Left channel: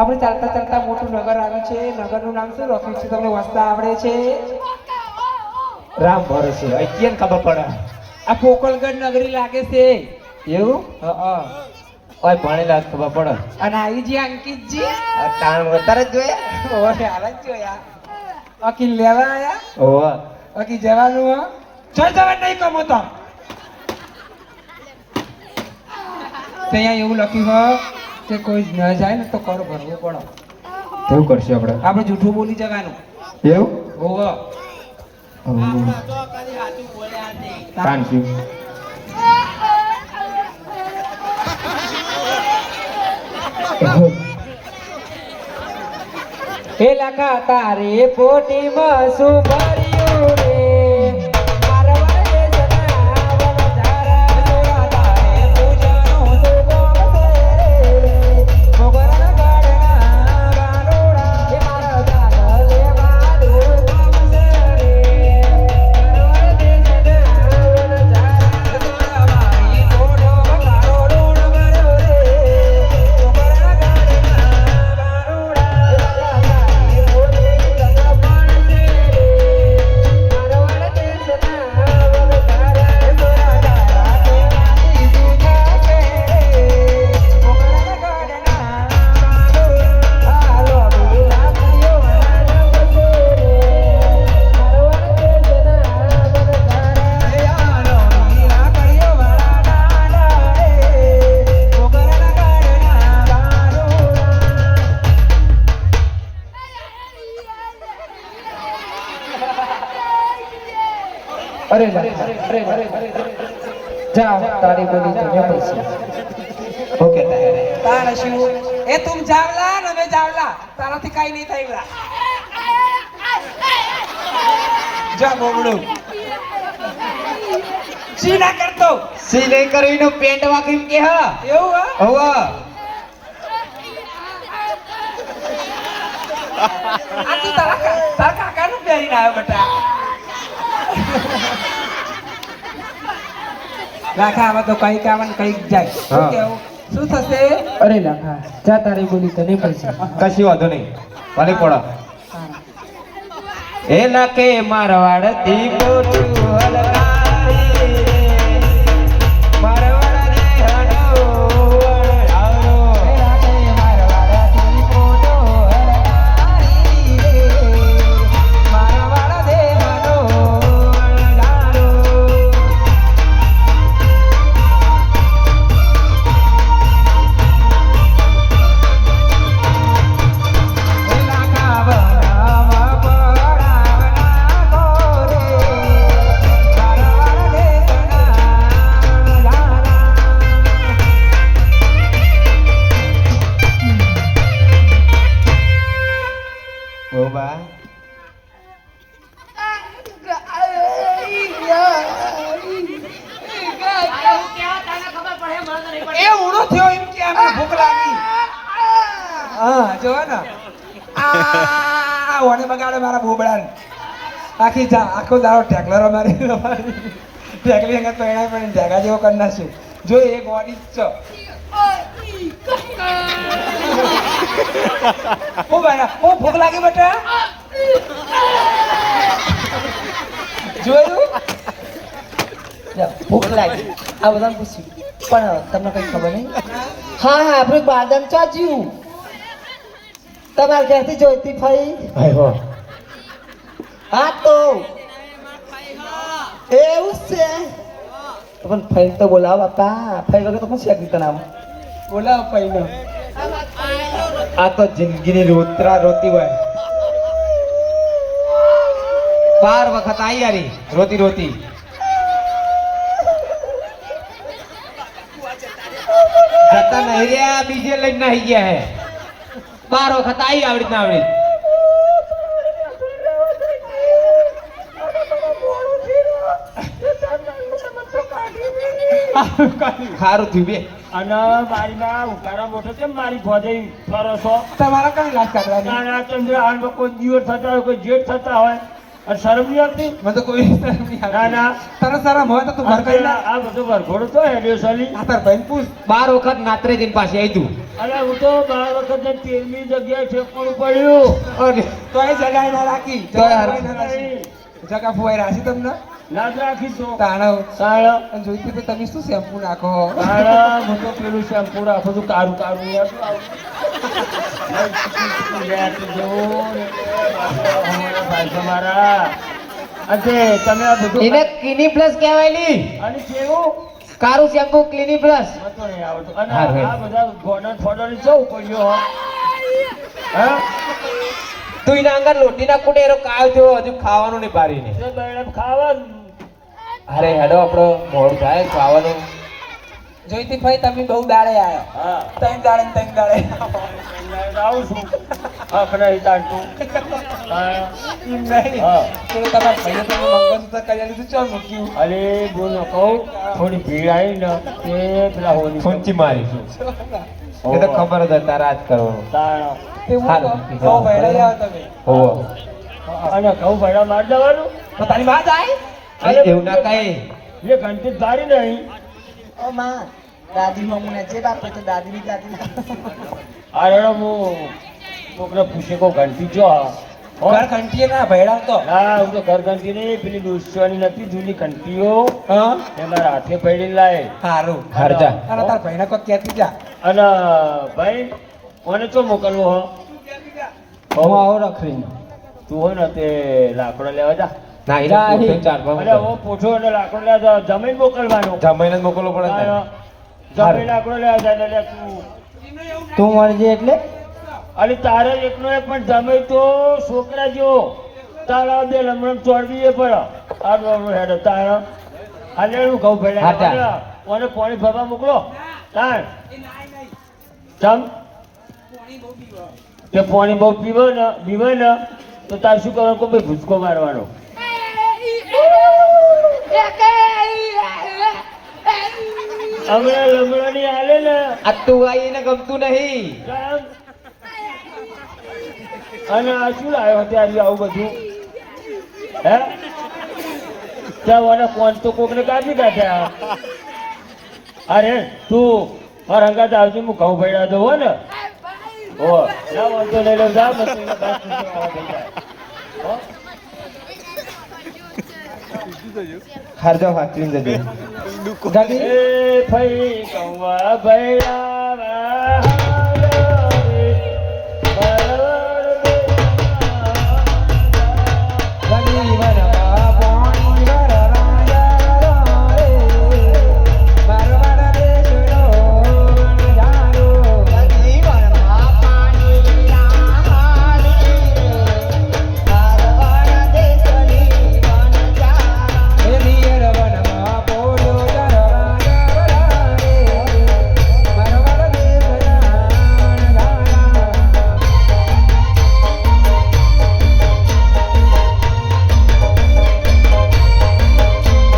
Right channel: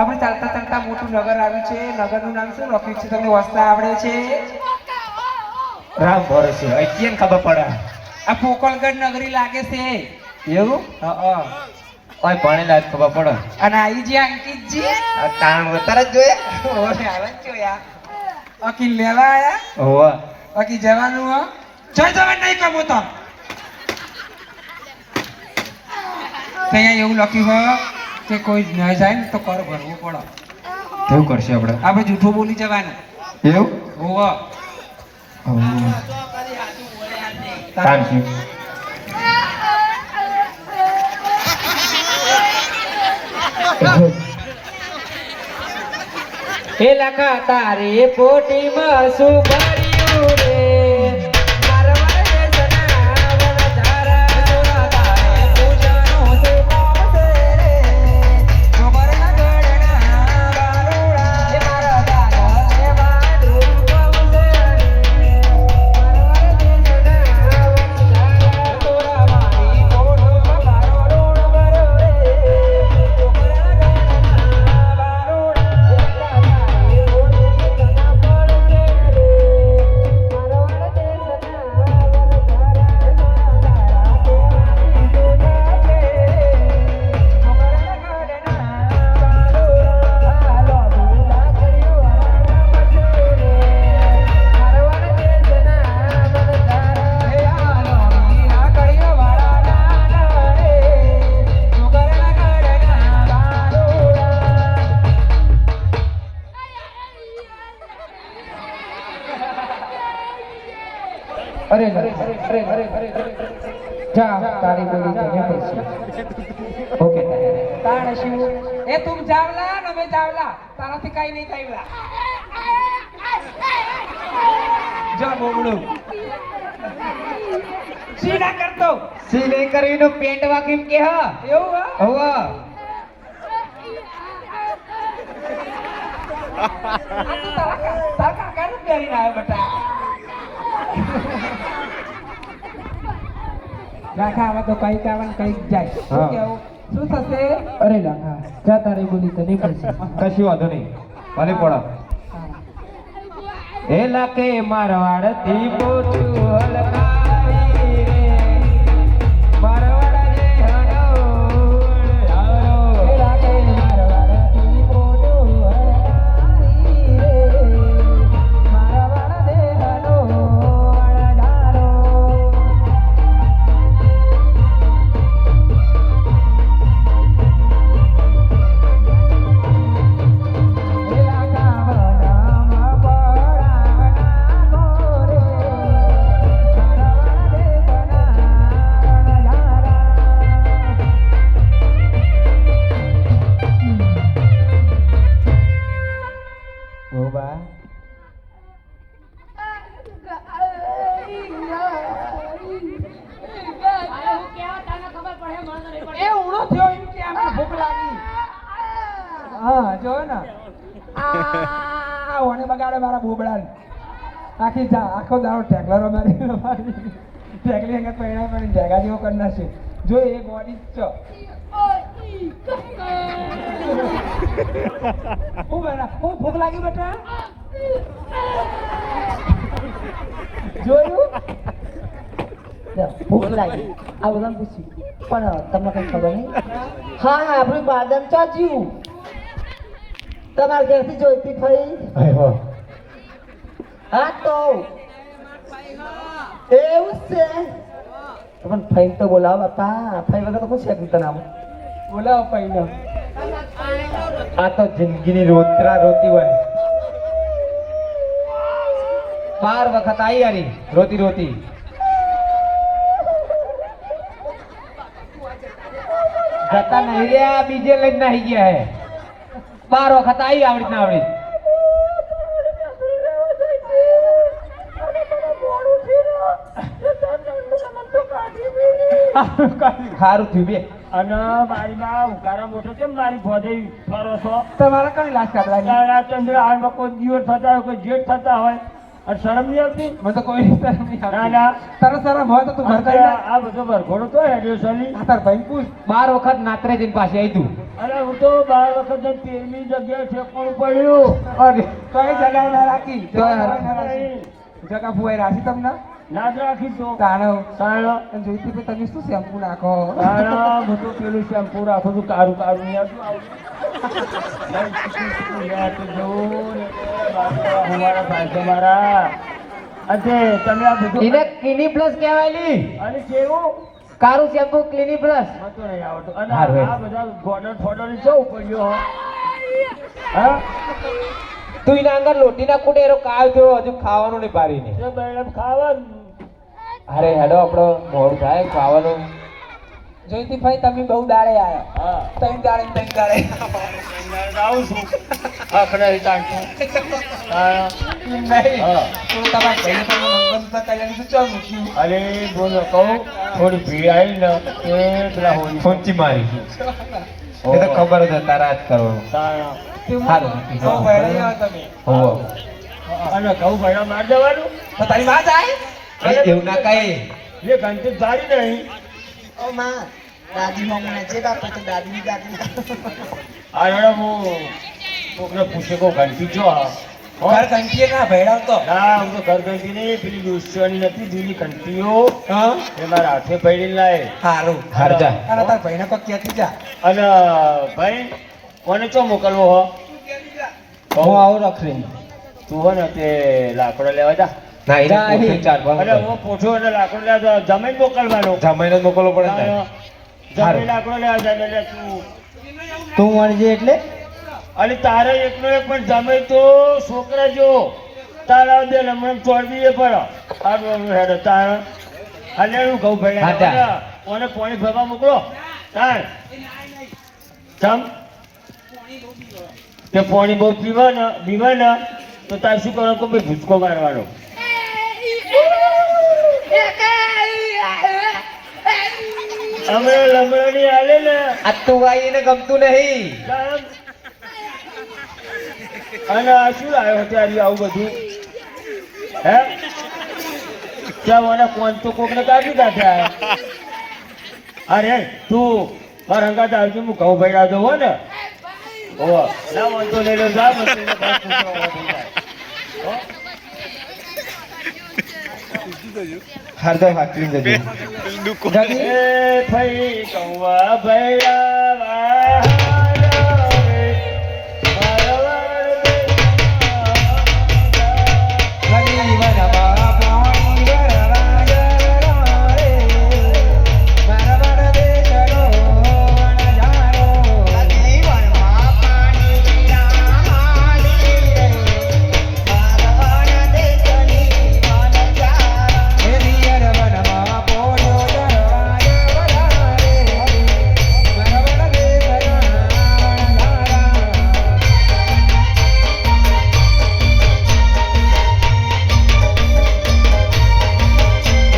આપણે ચાલતા ચાલતા મોટું નગર આવ્યું છે. નગરનું નામ શું લખ્યું છે તમને વાંચતા આવડે છે? રામ ભરોસે કેમ ખબર પડે? આ પોકલગઢ નગરી લાગે છે. એવું? હા. કોઈ ભણેલા જ ખબર પડે. અને આઈજી અંકિતજી તાણ વતર જ જોયા? ઓરે હાલ જ જોયા. અકી લેવા આયા? ઓવા. અકી જવાનું હો? જોઈ જવા નહીં કમો તો. ત્યાં એવું લખ્યું હોય કે કોઈ ન જાય ને તો કર ભરવું પડે. કેવું કરશે આપણે? આપણે જૂઠું બોલી જવાનું. એવું? ઓવા. Thank you. હે લખા તારે પોટીમાં શું ભર્યું રે મારવા દેશના વનચારા જોડા તારે પૂજાનો તે બોમસે સુવર્ણ ગણના વારોડા મારા દાગલે વાદુર બોમસે મારવા દેશના વનચારા જોડા મારી કોઠો બતારો રોડ ભર્યો રે સુવર્ણ जाओ तारी बोली तने पैसे ઓકે तारा शिव ए तुम जावला न मैं जावला तारा થી કાઈ નહીં થાયલા જા બોબડો સી ના કરતો સી નહીં કરીને પેન્ટ વાકીમ કે હા એવું હા ઓવા. આ તું તારા કાકાનું પહેરીને આવ્યો બેટા લાખા આવા તો કઈ કાવન કઈ જાય શું કેવું શું થશે? અરે લાખા જા તારી બોલી તને પૈસા કશી વાંધો નહીં. ભલે પડો. એ લાકે મારવાડ થી પોટું હલકારી રે મારવાડ રે હનો હારો મારવાડ થી પોટું હલકારી રે મારવાડ દેવાનો હારો ઓવા. એ ઉડો થયો એમ કે આમને ભૂખ લાગી. હા જો ને આ ઓને બગાડે મારા બોબડાને આખી જા આખો દાડો ટેકલરો મારી ટેકલી અંગત પહેણા પણ ઢેગા જેવો કરી નાખ્યું જો એ બોડી જ છો હું બના હું ભૂખ લાગી બેટા જોયું ભૂખ લાગી આ બધાને પૂછ્યું પણ તમને કઈ ખબર નહીં? હા હા આપણું બાદમ ચાચ્યું તમારા ઘરથી જોઈતી ફઈ ભાઈ હો પણ ફઈ તો બોલાવો બાપા, ફઈ વગર તો કોણ શેક તને આમ બોલાવો ફઈને. આ તો જિંદગીની રોતરા રોતી હોય. 12 વખત આવી યારી રોતી રોતી. જતા નહીં રહ્યા, બીજે લઈને નાહી ગયા હે. 12 વખત આવી આવડી ના આવડી. સારું થયું બે. અને મારી માં ઉકાળા મોટો કેમ મારી ભોજઈ ફરો છો? તમારા કઈ રાજ કાઢવાની તારા ચંદ્ર આમાં કોઈ દિવસ થતા હોય, કોઈ જેઠ થતા હોય, અને શરમ નહીં આવતી? મને તો કોઈ શરમ નહીં ના, આવતી. ના. તારા સારા મોં તો તું ઘર કરી નાખ. આ બધો વરઘોડો તો હેડ્યો સલી. આ તાર ભાઈને પૂછ. 12 વખત નાત્રે જઈને પાસે આવી તું. અને હું તો 12 વખત ને 13મી જગ્યાએ ઠેકવાનું પડ્યું. અરે તોય જગાઈ ના રાખી. તોય હારું. જગા ના રાખી. જગા ફુવાઈ રાખી તમને લાજ રાખી તો તાણવ. તાણ અને જોઈતું તો તમે શું શેમ્પુ નાખો. તાણ હું તો પેલું શેમ્પુ રાખું છું, કારું કારું યાર શું આવું? યાર તો જવું ને અમારા ભાઈ તમારા. અજે તમે આ બધું એને ક્લિનિક પ્લસ કહેવાયલી. અને કેવું કારું શેમ્પુ ક્લિનિક પ્લસ. મને તો નહીં આવડતું. અને હા, ભાઈ. આ બધા ગોડન ફોડોની ચૌ પડ્યો હા તું એના અંદર લોટી ના કુટે એનો કાવ થયો હજુ ખાવાનું નહીં પારીને. તે બૈડમ ખાવાનું. અરે હેડો આપણો મોડું થાય ખાવાનું. જોઈતી ભાઈ તમે બહુ દાડે આયા. હા 3 દાડે ને 3 દાડે. આવું છું આખડા હિતાંતું. હા નહીં. હા. તો તમારા ભાઈને તમે મંગળસૂત્ર કરી લીધું ચો મૂક્યું. અરે બોલો કહું થોડી ભીડ આવી ને તે પેલા હોળી ફૂંચી મારી. એ તો ખબર જ હતા રાત કરો. તાણ. તે હું હારું. બહુ વહેલાઈ આવ્યા તમે. હોવો. અને ઘઉં ભેડા માર દેવાનું. તો તારી માં જાય. અરે એવું ના કહે. એ ઘંટી ધારી નહીં. ઓ માં, દાદીમાં મને જે બાપ તો દાદીની દાદી. આ રડો હું છોકરા પૂછે કહું ઘંટી જો આ ઘર કંટીએ ના ભેળા તો. ના હું તો ઘર ઘંટી નહીં પેલી દુશ્મની નથી જૂની ઘંટીઓ હા એ મારા હાથે પડી લાય. હારું. હરજા. અને તાર ભાઈને કોઈ કહેતી જા. અને ભાઈ મને તો મોકલવો હો હું આવું રખડી. તું હો ને તે લાકડો લેવા જા. ના એના પોતે 4-5 અરે હું પૂછો અને લાકડો લેવા જાઉં. જમીન મોકલવાનું. જમાઈને જ મોકલવો પડે ને. જમીન લાકડો લેવા જાય લે તું. તું મળજે એટલે અને તારે એકનો એક પણ જમે તો છોકરા જો તારા બે લમણ ચોરબી એ પડે આ હેડો તારા અને હું ઘઉં હા, ભેડા ત્યાં. મને પાણી ભરવા મોકલો તાર ચમ કે પાણી બહુ પીવે ને તો તાર શું કરવાનું કે ભાઈ ભૂસકો મારવાનો. હમણાં લમણાની હાલે ને આ તું આઈ એને ગમતું નહીં. ચમ. અને આ શું આવ્યો ત્યારે આવું બધું હે ચાલ મને કોણ તો કોકને કાઢી કાઢ્યા. અરે તું મારા હંગાત આવજો હું ઘઉં ભેડા દઉં હો ને હો ના વાંધો નહીં લે જા મને એને બસ પૂછવા થઈ જાય. હો? હરજા હાકલીને જજો. એ ફઈ કૌવા ભેડા વાળો રે, રવિ વરવા પોણી વરવા જારો રે. વરવર દેશરો જારો. રવિ વરવા પાણી રામાલી રે. વરવર દેશની મન જારો. હે દિયર વનમાં પોડો જરવા જરવા રે. વરવર દેશના જારો.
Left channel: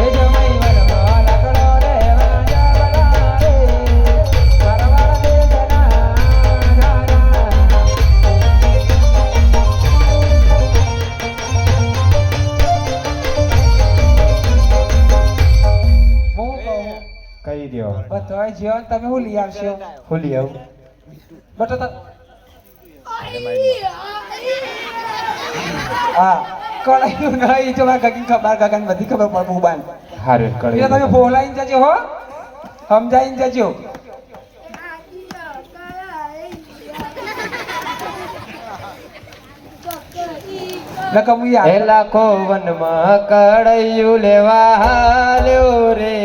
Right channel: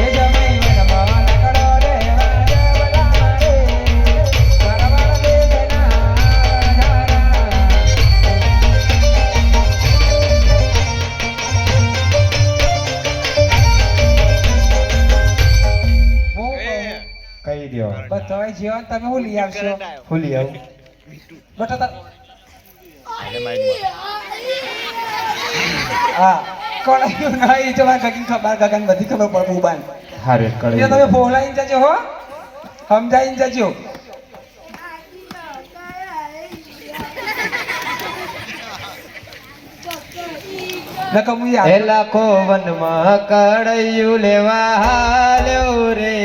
એ જમાઈ વનમાં લકડો લેવા જાવલા રે. વરવર દેશના જારા. હું કહું, કહી દો. બધાય જીવન તમે શું લઈ આવશો? ખુલી આવું. બટા હા કોલાયું નહીં જો ગગન ખબર ગગન બધી ખબર પડે મોબાઈલ હારે કળી. એ તમે ફોલાઈને જજો હો સમજાઈને જજો. નકર હું યાર એ લાખો વનમાં કળૈયું લેવા હાલ્યો રે.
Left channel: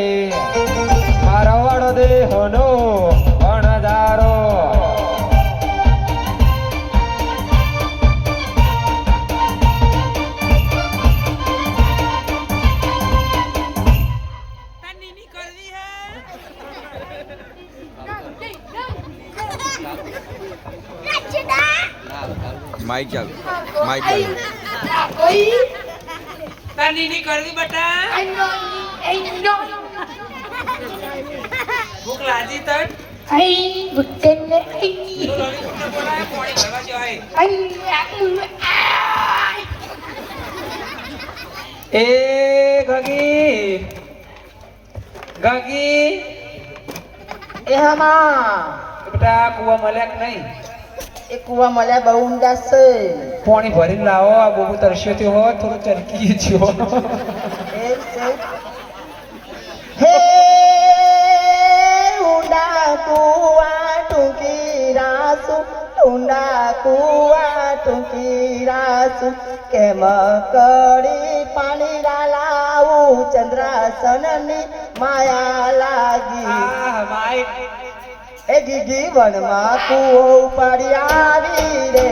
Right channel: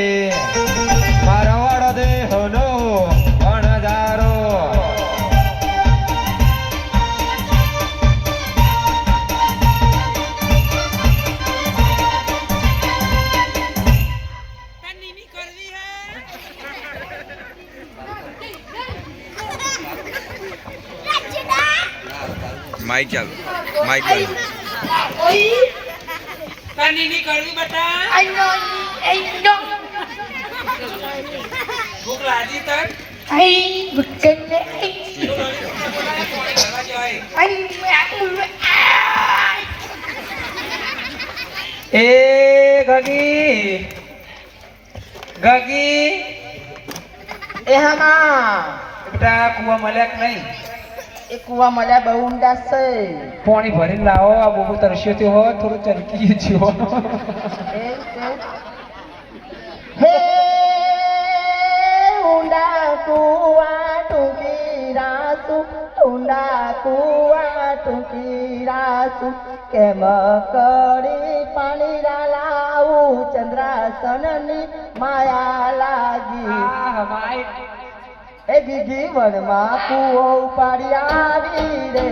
માઇક ચાલુ માઇક બંધ તાની કરવી બટા ભૂખ લાગી તન બોલાય પાણી ભરવા જાય એ ગગી ગગી એ હમા બેટા કુવા મળ્યા કે નહીં એ કુવા મળ્યા બહુ ઊંડા છે પાણી ભરીને લાવો આ બહુ તરસ્યો થયો હોય થોડું ચરકી જ્યો હે ઊંડા કુવા ટૂંકી રાસુ ઊંડા કુવા ટૂંકી રાસુ કેમ કરી પાણી લાવું ચંદ્રાસનની માયા લાગી એ ગીગી વનમાં કુવો ઉપાડી આવી રે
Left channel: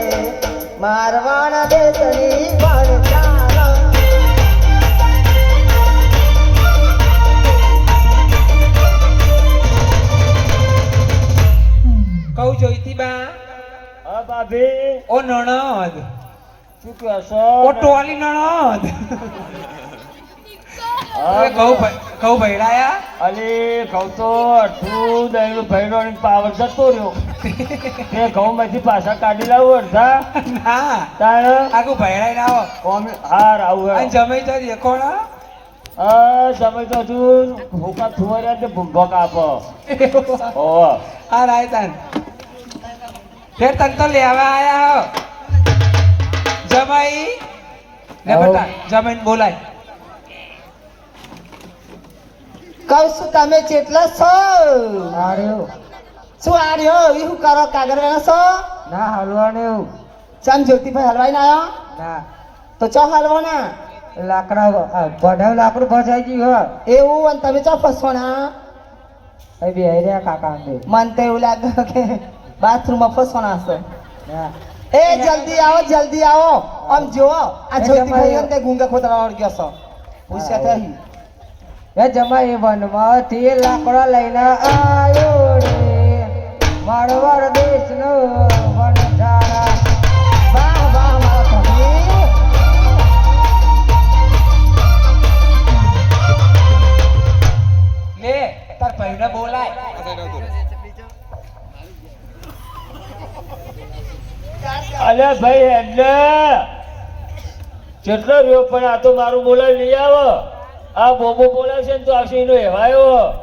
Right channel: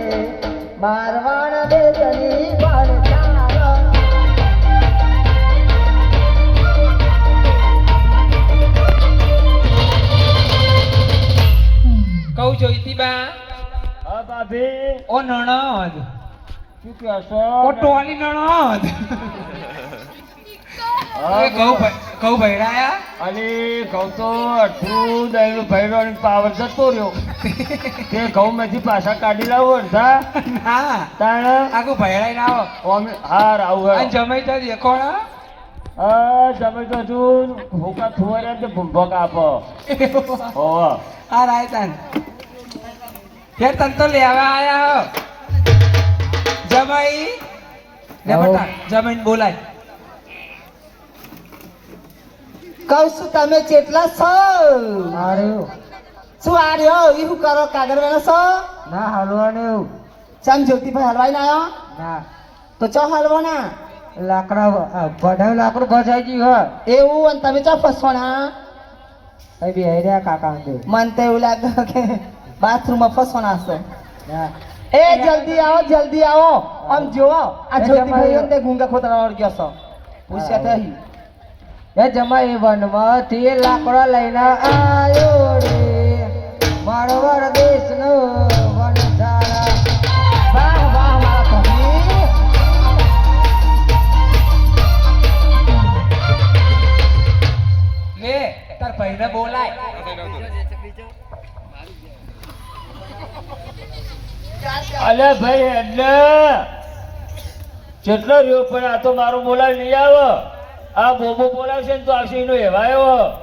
મારવાણ દેશની વણ કહું જોઈતી બા હા ભાભી ઓ નણદ શું કહો છો ઓ ટોલી નણદ કહું ભૈડાયા અરે ઘઉં તો અડધું દહીં ભેડો પાવર જતો રહ્યો કે ઘઉં માંથી પાછા કાઢી લાવું અડધા ના તાણ આખું ભૈડાઈ ના આવો હાર આવું અને જમે તો રેકોડા હા તમે તો હજુ ભૂકા થુવાર્યા તો ભૂંભક આપો ઓહ આ રાય તાન ફેર તન તો લેવા આયા હો જમાઈ લે બેટા જમીન બોલાય કહું છું તમે ચેટલા છો શું આર્યો એ શું કરો કાગળ વાળા છો ના હલવાનું ચમ જ્યોતિભાઈ હલવાઈ ના આવ્યો ના તો ચો હલવાના લાકડા ભડાવ લાકડું ફસાઈ ગયું એવું અને તમે ચો ફસવાના હે બે રહ્યા કાકા અંગે મને તો એવું લાગે કે બાથરૂમમાં ફસવાના હશે ના એ જલ્દી આવો આમ જુઓ આ જ્યોતિભાઈ અંદર ગુંગા ખોતરા વાળ ગયો છો પૂછ્યા થઈ એ જમાઈ વનમાંથી લાકડા લઈને આયો રે મારવાડ દેશનો વનધારા વાહ વાહ મારા ભણી લે તાર ભાઈને બોલાય અલ્યા ભાઈ એટલે કેટલો રહ્યો પણ આ તો મારું બોલાવી નહીં આવે આ બોબો બોલાવશે ને તો આવશે એનો એવાયો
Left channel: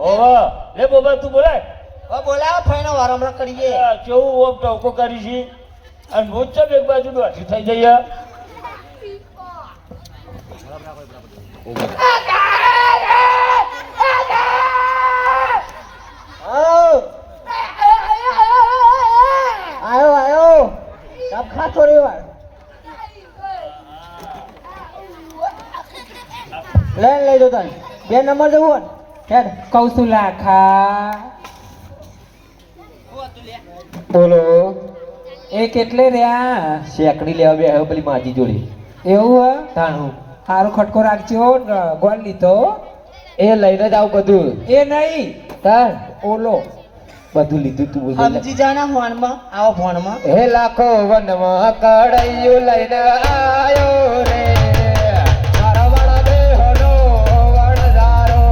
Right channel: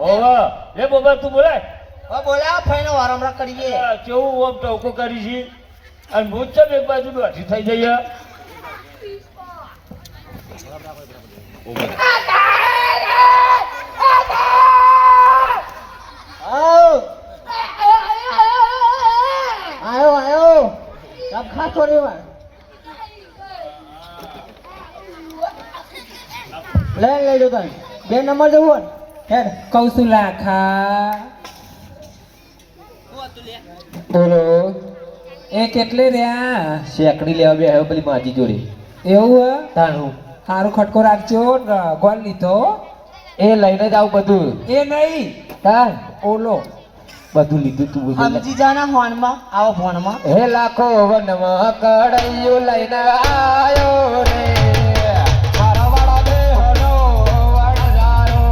ઓહો લે બોબા તું બોલાય ઓ બોલા ફાઈનો વારંવાર કરીએ કેવું ઓમ ટોકો કરી છે અને હું જ એક બાજુ દોઢી થઈ જઈએ આયો કપ ખાતો રેવા લઈ જો તને બે નંબર જવું હેડ કૌશુલા ખા બોલો એ કેટલે રહ્યા શેકડી લેવા બે આવ્યો પેલી માજી જોડી એવું હ તાણું સારું ખટકો રાખજો ગોળ લીધો એ લઈને જ આવું બધું એ નહીં તાર ઓલો બધું લીધું તું બધું સમજી જાના ફોનમાં આવો ફોનમાં હે લાખો વનમાં કડાઈયું લઈને આયો રે મારવાડા દેહનો વણજારો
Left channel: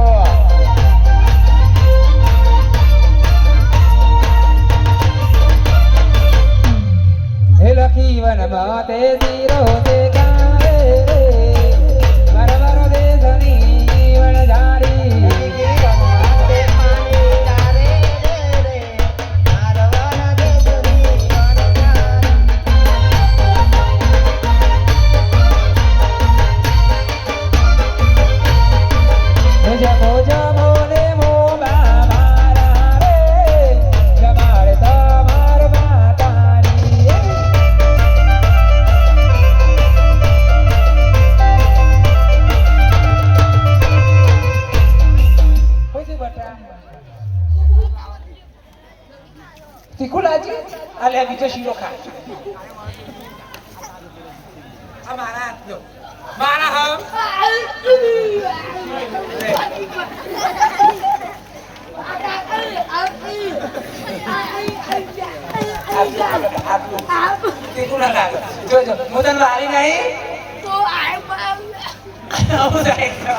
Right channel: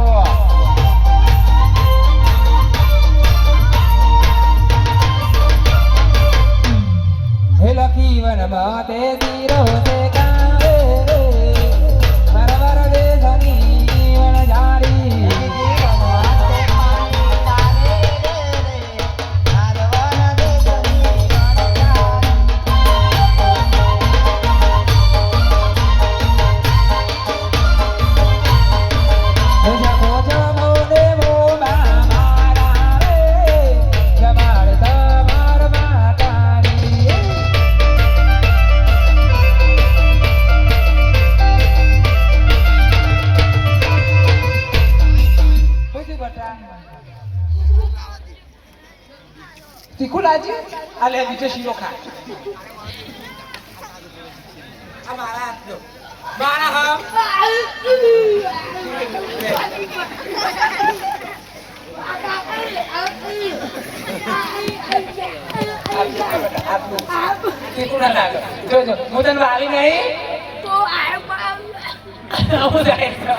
હે લખી વનમાં તે દીરો તે કાવે મારવાડ દેશની વણઝારી તીખું લાજી આ લે બીજો શીરો ખા આ મારા હાથ લો મારા હમ તીકુડા નાખો. જો જો હું તને મારી નહીં આવું થાય તો.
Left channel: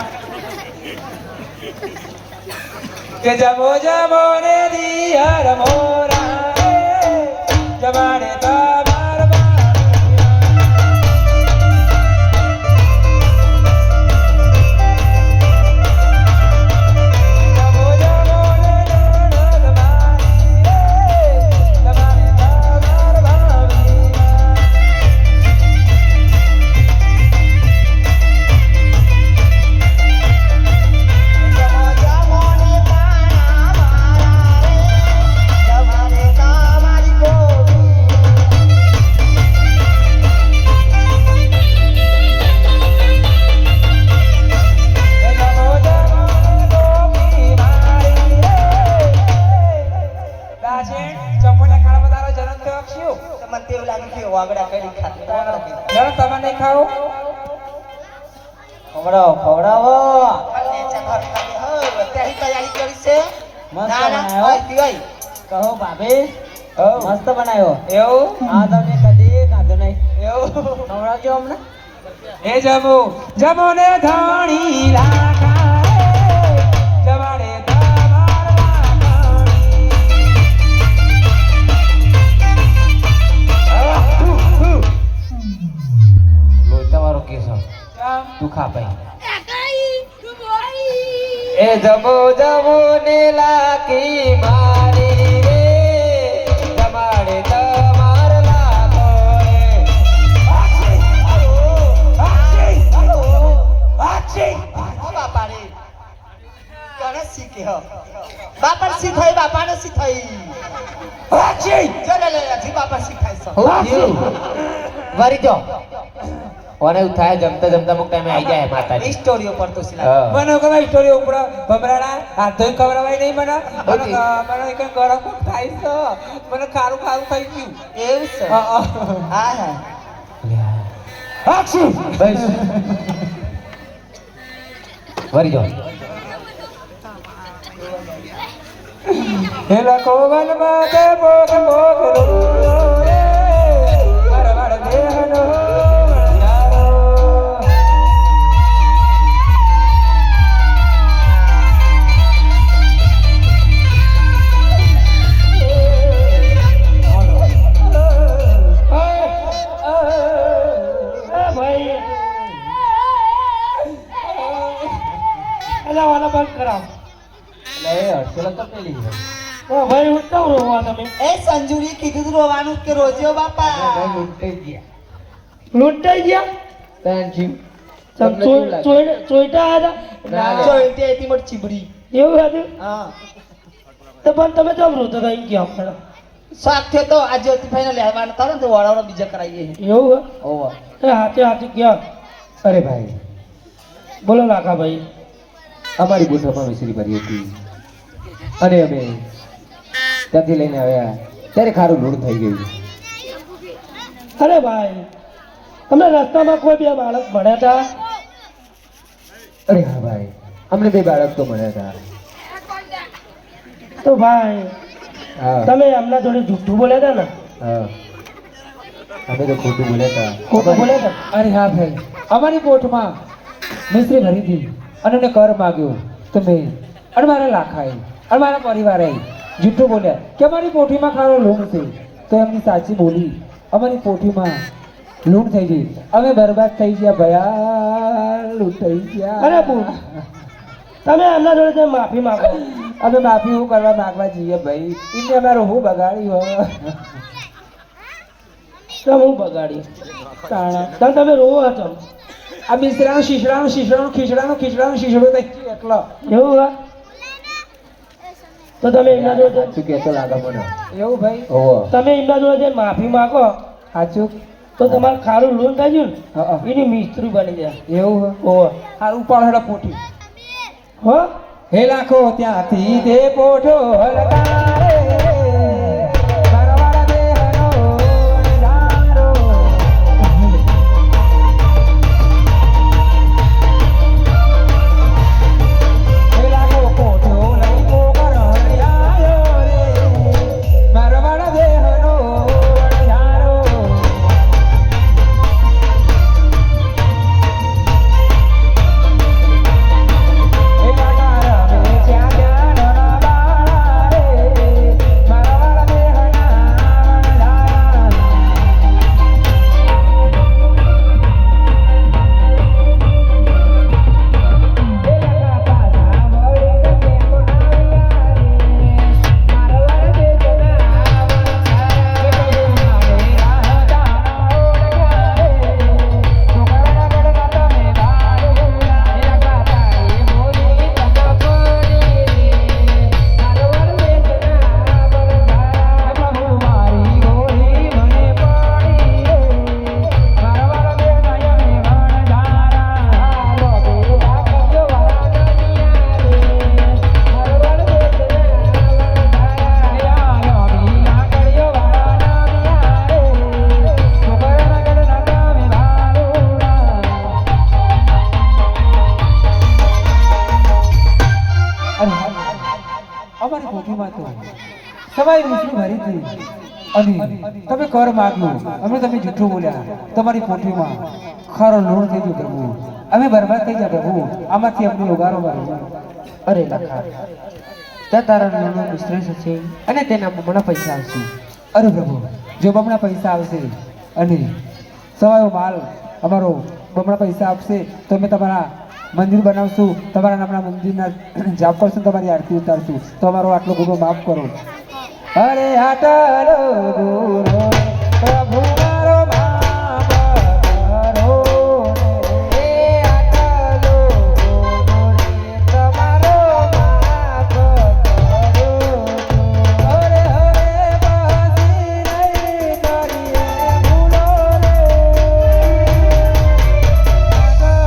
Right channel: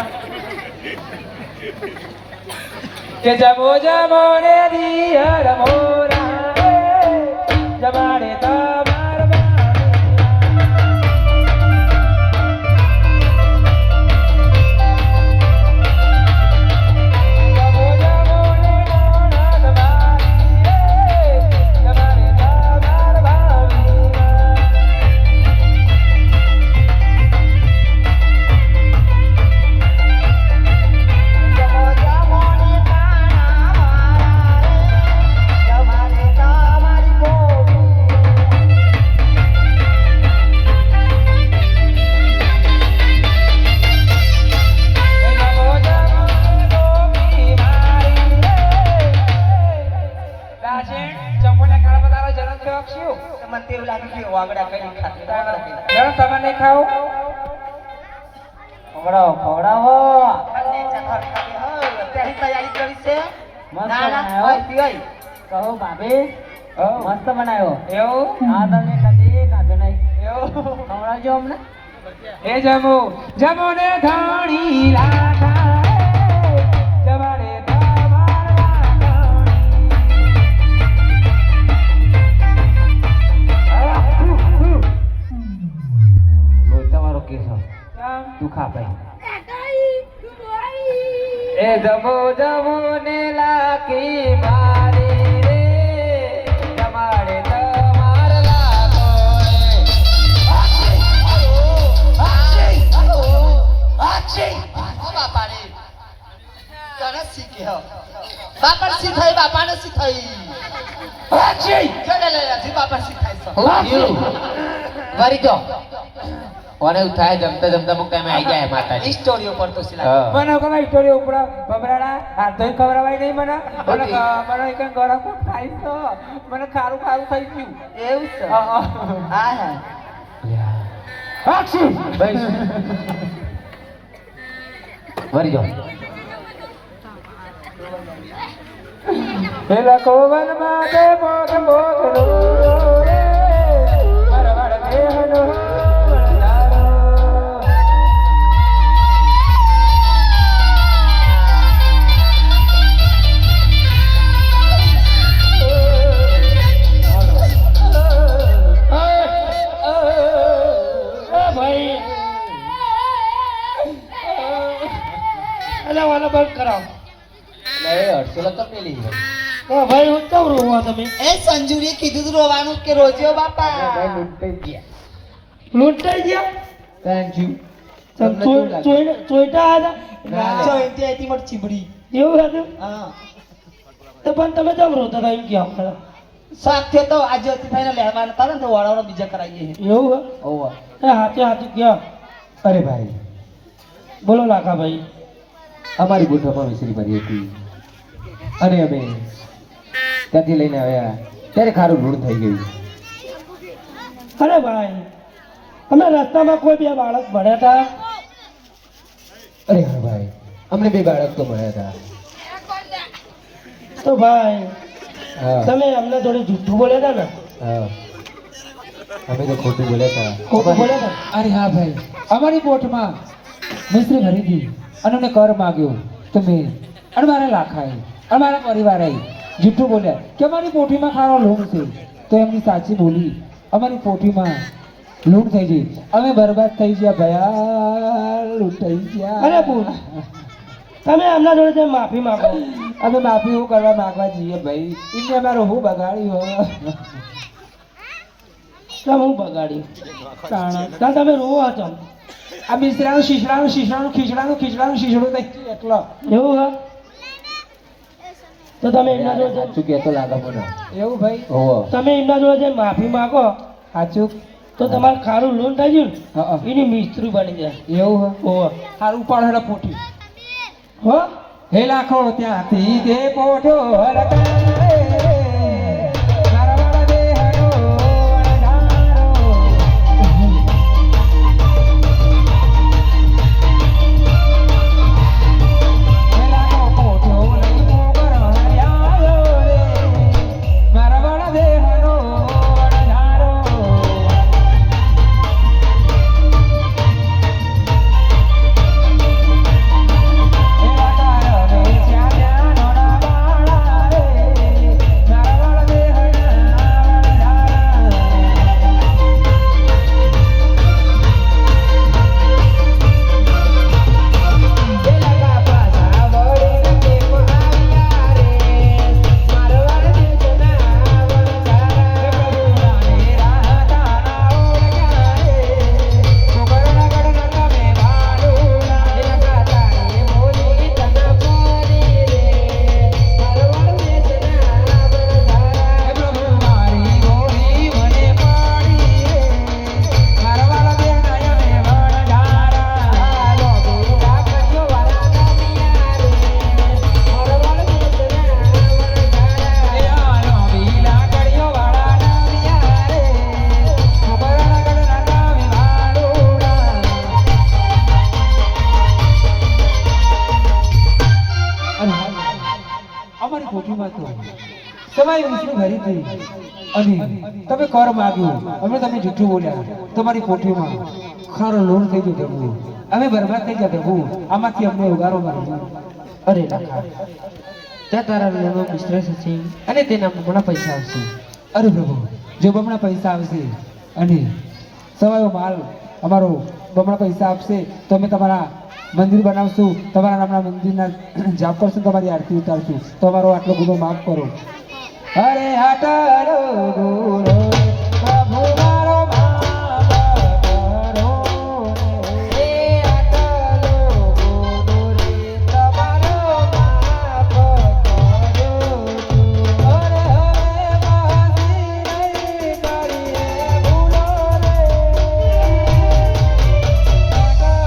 કે જમો જમો ને દિયર મોરા રે, જમાડે તમાર મને તેવું લાગે કે વાગડા કરી ખાતી વાગડા કરી. તમે નહીં ખાઓ ખવડાવો ખવડાવો. ખાલી ચાખર ખાલી હોય બધાની તૈયારી કરી છે. મસ્ત ના ના બનાવ્યો. હોય પીવાય. કહો ભાભી મસ્ત બનાવ્યો. એવું આ તમે કદી ખાધો નહીં. એવું ખવડાવજો અમને. એ જમો જમો ને ધણી લાખા રે, જમાડે તમાર તમારો કેસો તું ખા ભાઈ. એ જમો જમો ને લાકી મારી રે, જમાડે તમાર લાખો રે. બાપા રે કોને શીખી હો બાપા શીખાઈ બાપાને શીખાઈ. ચાલે લે લે જી બાપા શીખાઈ છે. વરી જો ઓને ઉઠાય જમતા જમતા મુક ટાઈમે આવી જાય માતાજી. સ્ટોરીઓ પર તો સિલા હા. મને કઈ સ્ટોરી ઉપર ભમરાડા હાથ ધોઈ ખવડાવાય નહીં મને મને મને એક ગરમ થાય છે મને ખારું ખારું થઈ ગયું. એવું છે. હા, હા. હા હા અક્ષી બસ વરી જો હે લખો વનમાં તે મોગ મોગલો રે, વરવર દેહનો વણજારો. ભાઈ અલા વાલા બંધ કરાવ. લે હર્ષેલો તો પેલી ભાઈ. ભાઈ હું કેમ રોવા તમે એ સંજુરી કીધું તું રોવાનું કે રોજ્યો બાપા. ભાઈ લૂંટાઈ ગયા. લૂંટાઈ ગયા થેન્ક યુ. ચોઈટા હતા ના. જોઈતી હતી મોટી ચીબડી. એવું હતું હા તો પણ તમે કેમ રોતા હતા એમ કેમ ખરા સાફ થયો તો આજે જ્યોતિભાઈને લેવાના હતા ને તો વાળાવાળા બીજા કરાવીએ. એવું ઓવા હે હાથે હાથે ક્યાં અરે ભાઈ બોલો લાખા ભાઈ અમારી ગોઠવમાં વિસરી ભરી હતી અને અમે ત્યાંથી લઈને આવ્યા ત્યારે ખારું લૂણ થઈ ગયું. અરે ભાઈ તમે રસ્તામાં કોઈ બે બાળક ભણ્યા હતા અરે હા ભાઈ અમને બે બાળક તો મળ્યા હતા. તો ભાઈ હા તમે એમના જોડે જૂઠું બોલ્યા હતા ને હા અમે તો ખોટું બોલ્યા હતા. ખોટું બોલ્યા હતા અરે હા ભાઈ અમારી બોટમાં મિસ્ત્રી ભરી હતી અને મેં કર માગ્યો તો મેં અને મારા લાખાએ અને મારા પરિવારે જૂઠું બોલ્યા કે અમારી પોઠીમાં ખારો લૂણ છે તો એમની સાચી બોલી અમારી પોઠીમાં લૂંટ થઈ ગઈ અમે બરબાદ થઈ ગયા ભયા લૂંટાઈ ગયા. અરે પૂર તમે એમના જોડે જઈને માફી માંગો અમે માફી હું કરવા માંગવા જઈએ ભાઈ એમને અમારું હું બગાડ્યું હવે. કેમ હું બગાડી તો તમે રોવો છો આ મિસ્ત્રાનું શીશડાનું શીશડાનું ખીચડાનું ખીચડાનું શીશડું થઈ ગયું એટલો એવું હા તો તમે એમના જોડે સાચું કહેતો લાગે મને. એવું ભાઈ ઓહો તમે એમના જોડે જઈને માફી માંગો સાચું તો તમારે ખારું લોન થઈ ગયું હા ને એની મિસ્ત્રી બની જાય એવું ઓહો સારું ઉપાડ હેડા પોઠી હો હે લાખો ત્યાંથી તે પોઠો હલકારે મારા વાળા દેહનો નજારો. હે લાખો પોઠો લઈ પોકર હળિયાયો રે મારા વાળા દેહનો પોથીમાં તો સવાઈ વિષ્ણુ ભરી હતી અને તમે કર માગ્યું અમે તમે જૂઠું બોલ્યા તમારી પોથીમાં ખરો લોણ થઈ ગયું પ્રભુ અમે બરબાદ થઈ ગયા પ્રભુ આમાંથી અમને ઉગારો માર્યો અરે લખા ત્યાં તારા નાનો બિઝનેસ હશે અને તેના બમણા પૈસા આવશે. અરે પ્રભુ જો બમણા પૈસા આવશે અને સવાયો માલ અમારો બમણા પૈસા આપશે તો અમે તમારા મંદિર બનાવશું તમારા નામના મંદિરના જાપ કરશું તમારી આરતી ઉતારશું તો અમારો આટલો ગુનો માફ કરો. અરે આટલો ગુનો પ્રભુ મારો માફ કરો ને. આટલો ગુનો તમારો માફ કરો. અરે હવે બાજી નહીં કરીએ ગુનો રે. આટલો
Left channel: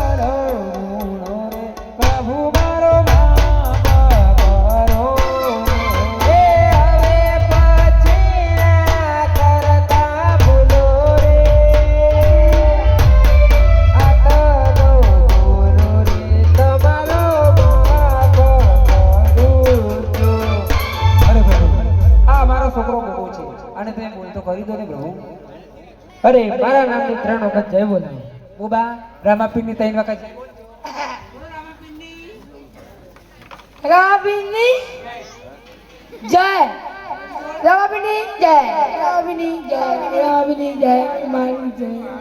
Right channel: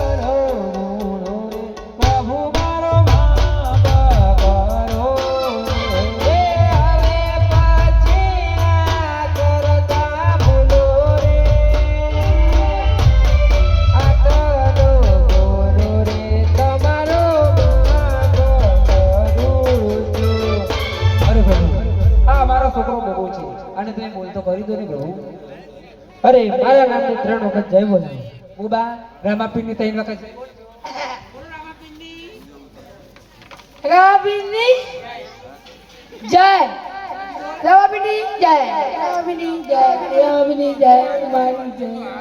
ગુનો રે પ્રભુ મારો માફ કરો ને. છોકરો બહુ છે અને તે બોલતો કરી દો ને પ્રભુ. અરે મારા નામની 3 વખત જય બોલાવો. બુબા રામાપીરની 3 વખત છે. રામાપીરની જય રામાપીરની જય રામાપીરની જય રામાપીરની જય રામાપીરની જય.